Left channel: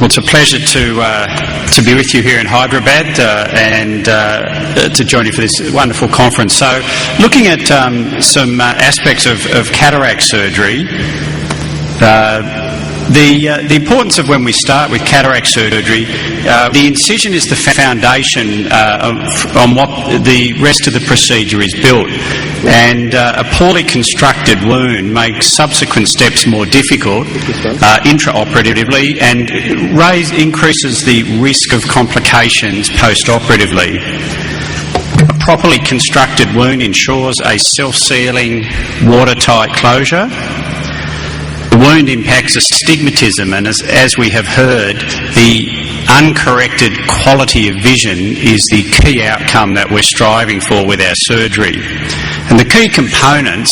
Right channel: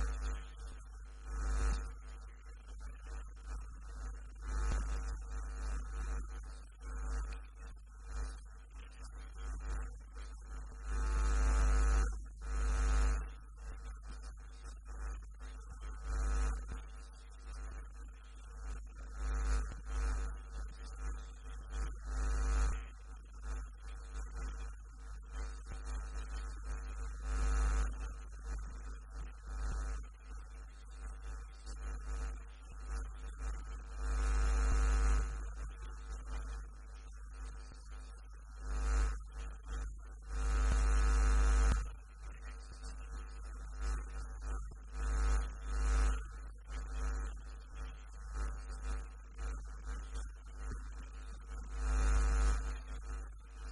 Well, it's a pleasure to be with you here in Hyderabad and to join you for this wonderful conference. So, looking at some aspects of cataract surgery, the importance of when we start with cataract surgery, the incision is the foundation on what the rest of the procedure is built. And a poorly constructed wound makes subsequent steps more difficult intraoperatively and increases the risk of complications post-operatively. A properly constructed wound ensures a self-sealing, watertight closure. The wound impacts astigmatism, and as we have heard, the uncorrected quality of vision is the key outcome that we're striving for with our surgery. And the key components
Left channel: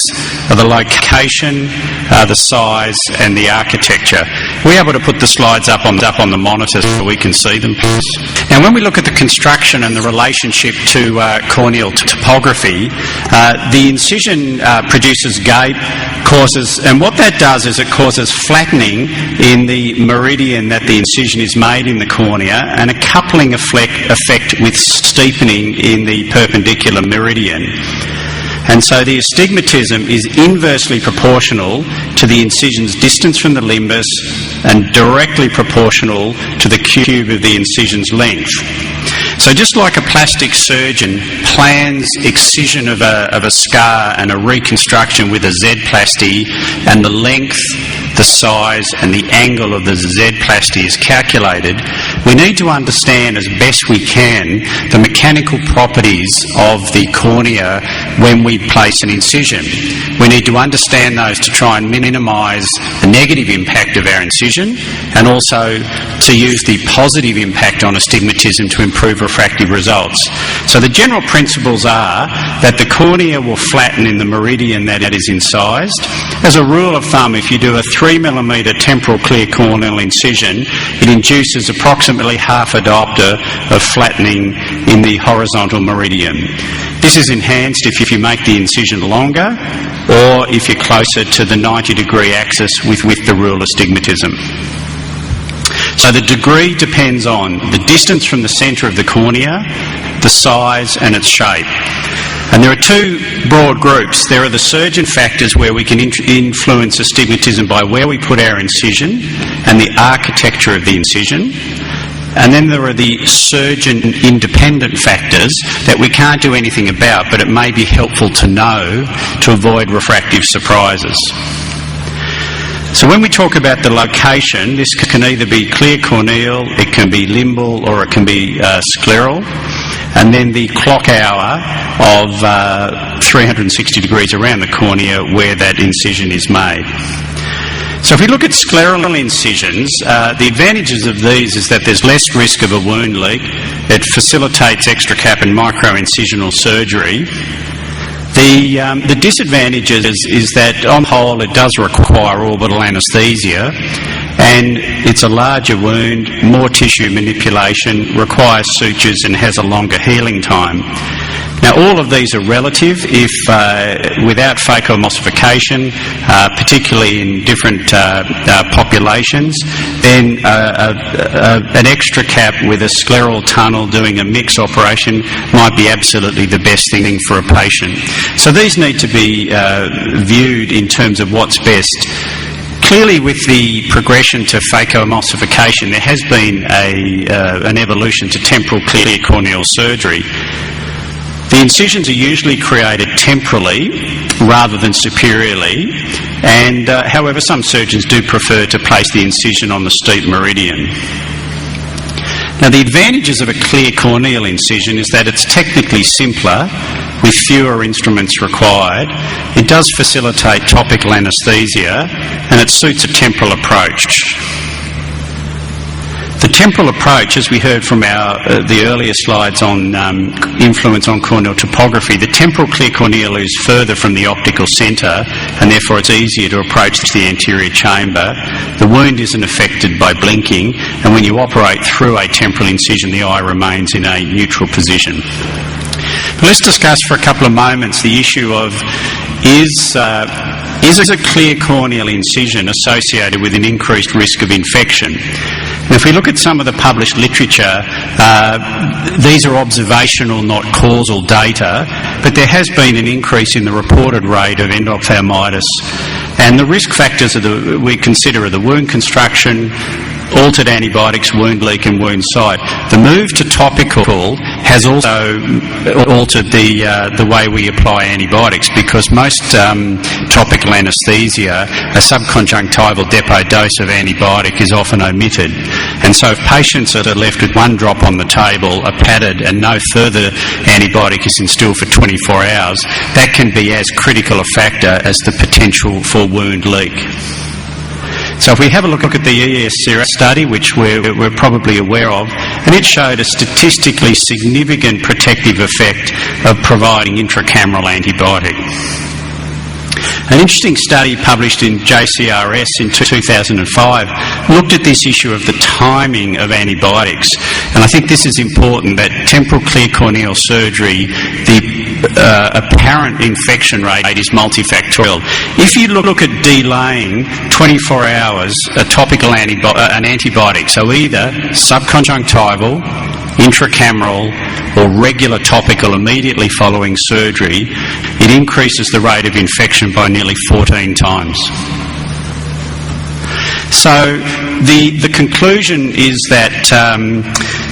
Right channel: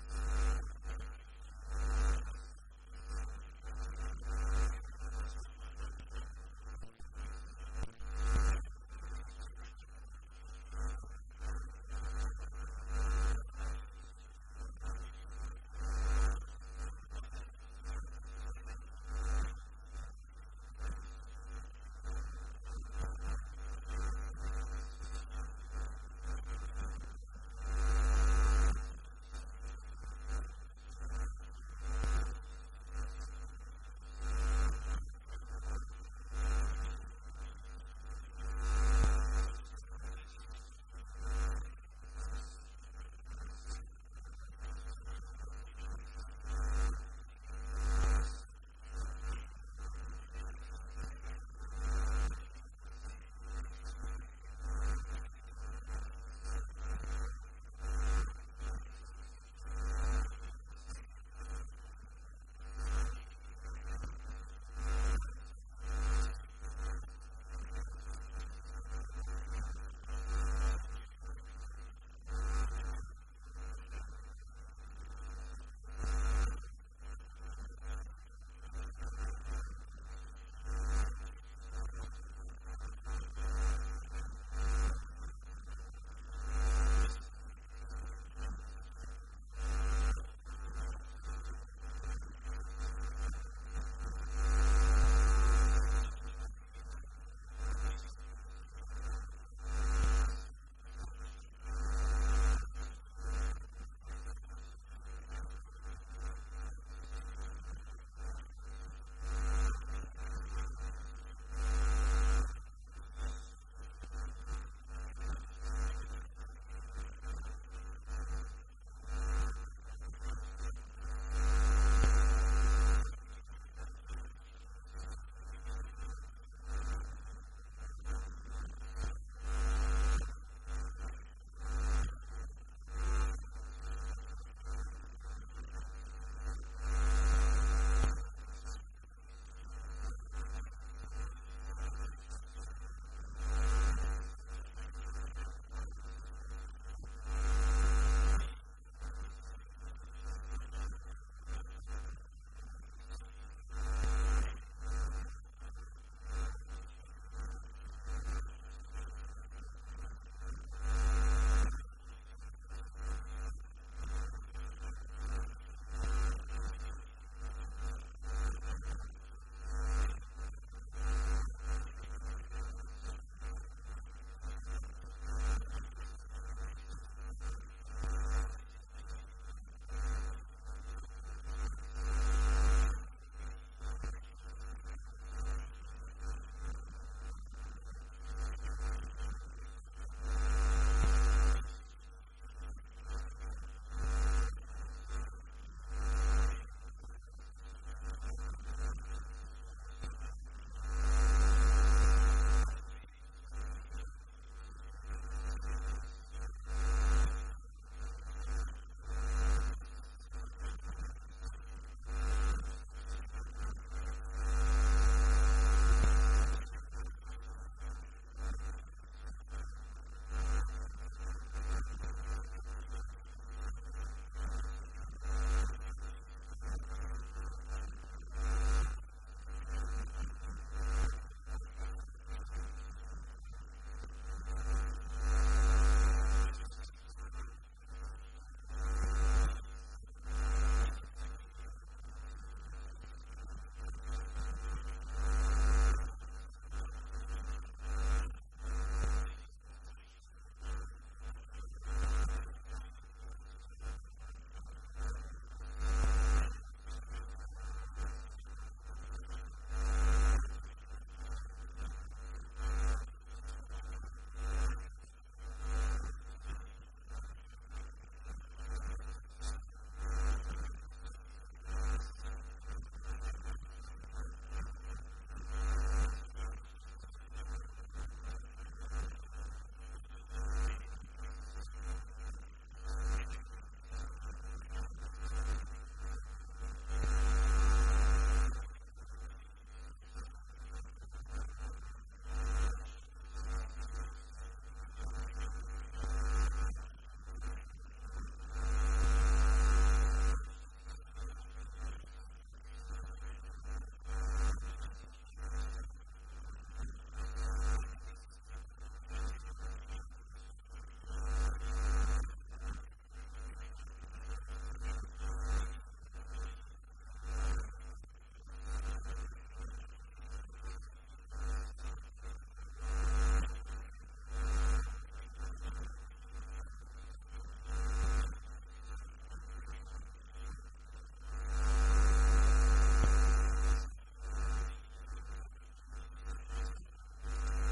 are the location, the size and the architecture. We're able to put the slides up on the monitor so we can see them. Now, when we look at the construction and the relationship to corneal topography, the incision produces gape, and what that does is it causes flattening in the meridian that the incision is made in the cornea and a coupling effect with steepening in the perpendicular meridian. And so the astigmatism is inversely proportional to the incision's distance from the limbus and directly proportional to the cube of the incision's length. So just like a plastic surgeon plans excision of a scar and a reconstruction with a Z-plasty, and the length, the size and the angle of the Z-plasty is calculated, we need to understand as best we can the mechanical properties of the cornea when we place an incision. We need to understand those to try and minimise the negative impact of our incision, and also to use the positive impact on astigmatism to improve refractive results. So the general principles are that the cornea will flatten in the meridian that it is incised. As a rule of thumb, if you do a 3mm temporal clear corneal incision, it induces approximately half a diopter of flattening in the horizontal meridian. This is enhanced if you make the incision longer or if you're closer to the 90-degree axis with the rule astigmatism. So the degree depends on the distance from the centre of the cornea, the size and its shape. And there are two broad groups. There are the surgeon factors, where we can influence astigmatism by where we put our incision and the architecture of the incision. And then there are the surgeon-independent factors that we can't do anything about, but it may be helpful to know to avoid refractive surprises. So when we talk about the location, this can either be clear corneal, it can be limbal, or it can be scleral. And then the clock hour of 360 degrees around the cornea where that incision is made. So if we look at scleral incisions, the advantages of these is that there's less risk of a wound leak. It facilitates extracap and micro-incisional surgery. The disadvantages is that on the whole it does require orbital anaesthesia, and it's a larger wound, more tissue manipulation, requires sutures and has a longer healing time. Now, all of these are relative. If without phacoemulsification, particularly in different populations, then an extra cap with a scleral tunnel doing a mix operation might be absolutely the best thing for a patient. So these need to be viewed in terms of what's best. Clearly, with the progression to phacoemulsification, there has been an evolution to temporal clear corneal surgery. The incisions are usually created temporally rather than superiorly, and however some surgeons do prefer to place the incision on the steep meridian. Now, the advantages of a clear corneal incision is that it's technically simpler with fewer instruments required. It does facilitate topical anaesthesia and it suits a temporal approach. The temporal approach, as we heard from the earlier slides on influence on corneal topography, the temporal clear corneal is further from the optical centre and therefore it's easier to approach the anterior chamber. The wound isn't affected by blinking, and when you operate through a temporal incision, the eye remains in a neutral position. But let's discuss for a couple of moments the issue of is a clear corneal incision associated with an increased risk of infection? And if we look at some of the published literature, these are observational, not causal data, but there has been an increase in the reported rate of endophthalmitis. And the risk factors we consider are the wound construction, altered antibiotics, wound leak and wound site. The move to topical has also altered the way we apply antibiotics, because most topical anaesthesia, a subconjunctival depot dose of antibiotic is often omitted. And so if patients are left with one drop on the table, are padded and no further antibiotic is instilled for 24 hours, that can be as critical a factor as the potential for wound leak. So if we have a look at the ESCRS study, which we're probably aware of, and it showed a statistically significant protective effect of providing intracameral antibiotic. An interesting study published in JCRS in 2005 looked at this issue of the timing of antibiotics, and I think this is important, that temporal clear corneal surgery, the apparent infection rate is multifactorial. If you look at delaying 24 hours a topical an antibiotic, so either subconjunctival, intracameral or regular topical immediately following surgery, it increases the rate of infection by nearly 14 times. So the conclusion is that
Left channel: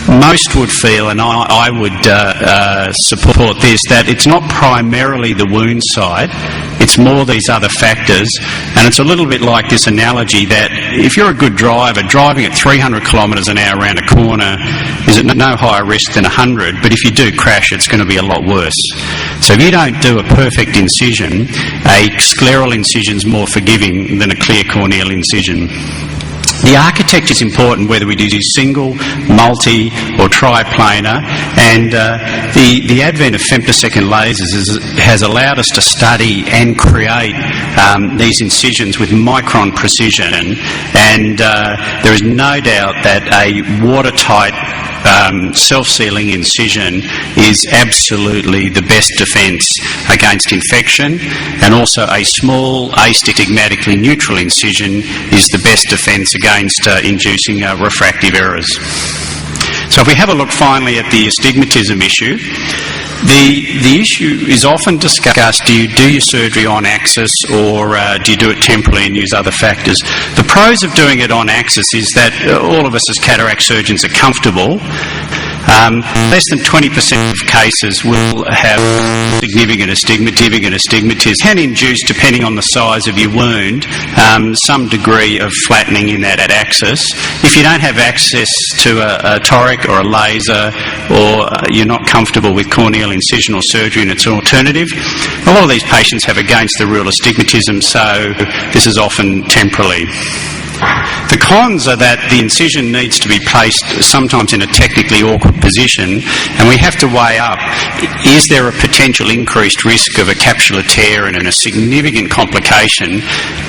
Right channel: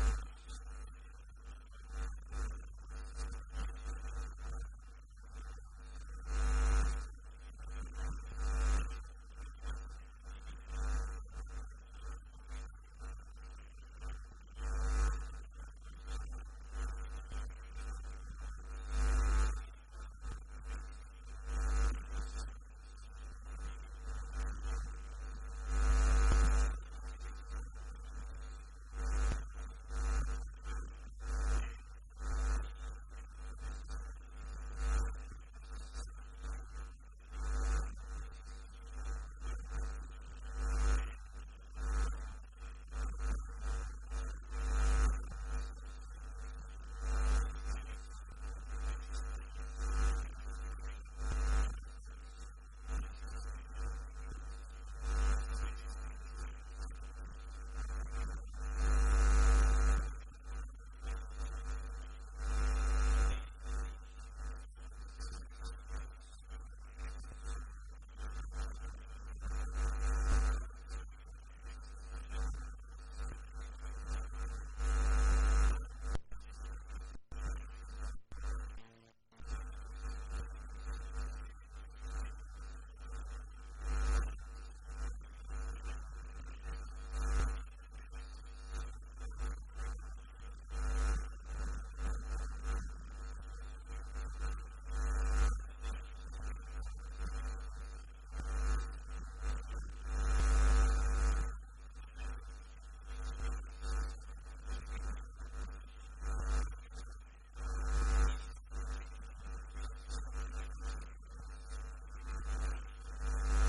most would feel, and I would support this, that it's not primarily the wound site, it's more these other factors. And it's a little bit like this analogy that if you're a good driver, driving at 300 kilometres an hour around a corner is at no higher risk than 100, but if you do crash, it's going to be a lot worse. So if you don't do a perfect incision, a scleral incision is more forgiving than a clear corneal incision. The architecture is important, whether we do single, multi or triplanar, and the advent of femtosecond lasers has allowed us to study and create these incisions with micron precision, and there is no doubt that a watertight self-sealing incision is absolutely the best defence against infection, and also a small astigmatically neutral incision is the best defence against inducing refractive errors. So if we have a look finally at the astigmatism issue, the issue is often discussed, do you do your surgery on axis or do you do it temporally and use other factors? The pros of doing it on axis is that all of us as cataract surgeons are comfortable. Less than 20% of cases will have significant astigmatism. Can induce, depending on the size of your wound, some degree of flattening in that axis. If you don't have access to a toric or a laser, or you're not comfortable with corneal incisional surgery and it's an alternative, a lot of these patients have against the rule astigmatism, so this is often temporally. The cons are that the incision needs to be placed sometimes in a technically awkward position, and we have to weigh up, is there a potential increased risk of a capsular tear and a significant complication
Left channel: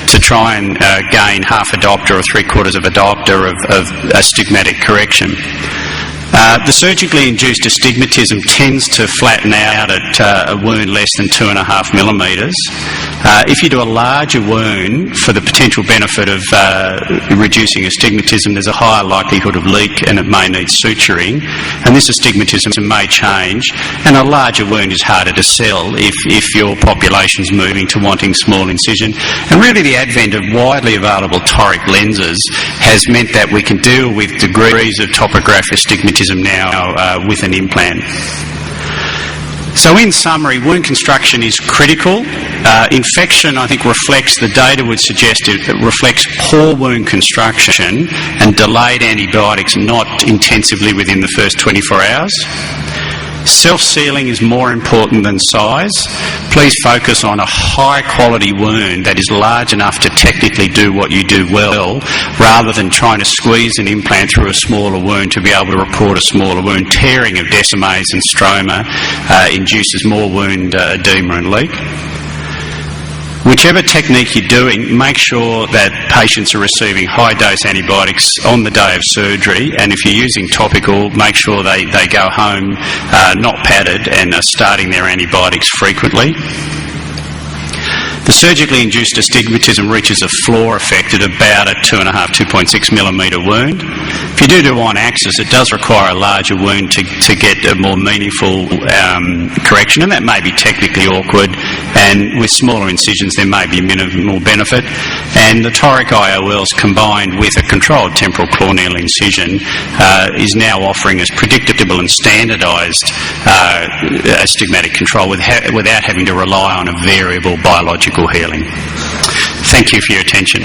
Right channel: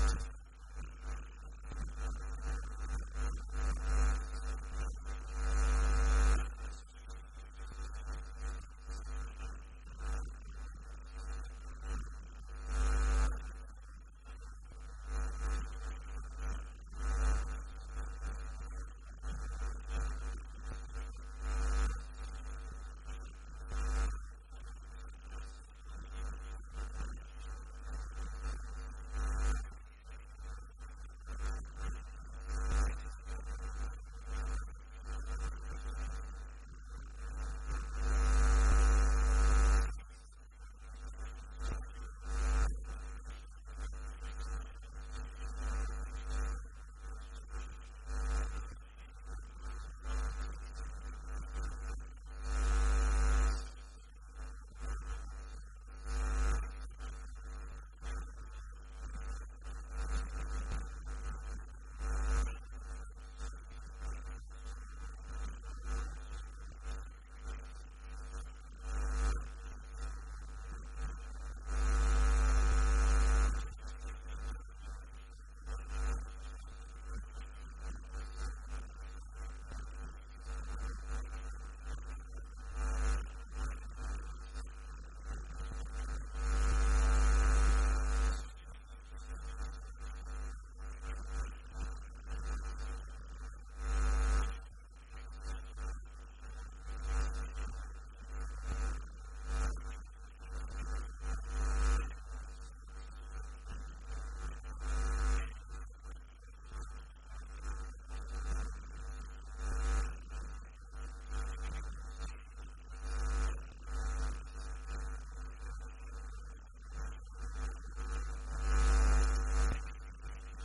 to try and gain half a diopter or 3/4 of a diopter of astigmatic correction. The surgically induced astigmatism tends to flatten out at a wound less than 2.5 millimetres. If you do a larger wound, for the potential benefit of reducing astigmatism, there's a higher likelihood of leak and it may need suturing, and this astigmatism may change, and a larger wound is harder to sell if your population's moving to wanting small incision. And really the advent of widely available toric lenses has meant that we can deal with degrees of topographic astigmatism now with an implant. So in summary, wound construction is critical. Infection, I think, reflects, the data would suggest it reflects poor wound construction and delayed antibiotics, not intensively within the first 24 hours. Self-sealing is more important than size. Please focus on a high-quality wound that is large enough to technically do what you do well, rather than trying to squeeze an implant through a smaller wound to be able to report a smaller wound. Tearing of Descemet's and stroma induces more wound edema and leak. Whichever technique you're doing, make sure that patients are receiving high-dose antibiotics on the day of surgery, and if you're using topical, make sure they go home not padded and are starting their antibiotics frequently. The surgically induced astigmatism reaches a floor effect at about a 2.6 millimetre wound. If you do on axis, it does require a larger wound to get a more meaningful correction, and that may be technically awkward, and with smaller incisions there may be minimal benefit. And the toric IOLs combined with a controlled temporal corneal incision is now offering us predictable and standardised astigmatic control without having to rely on a variable biological healing. Thank you for your attention.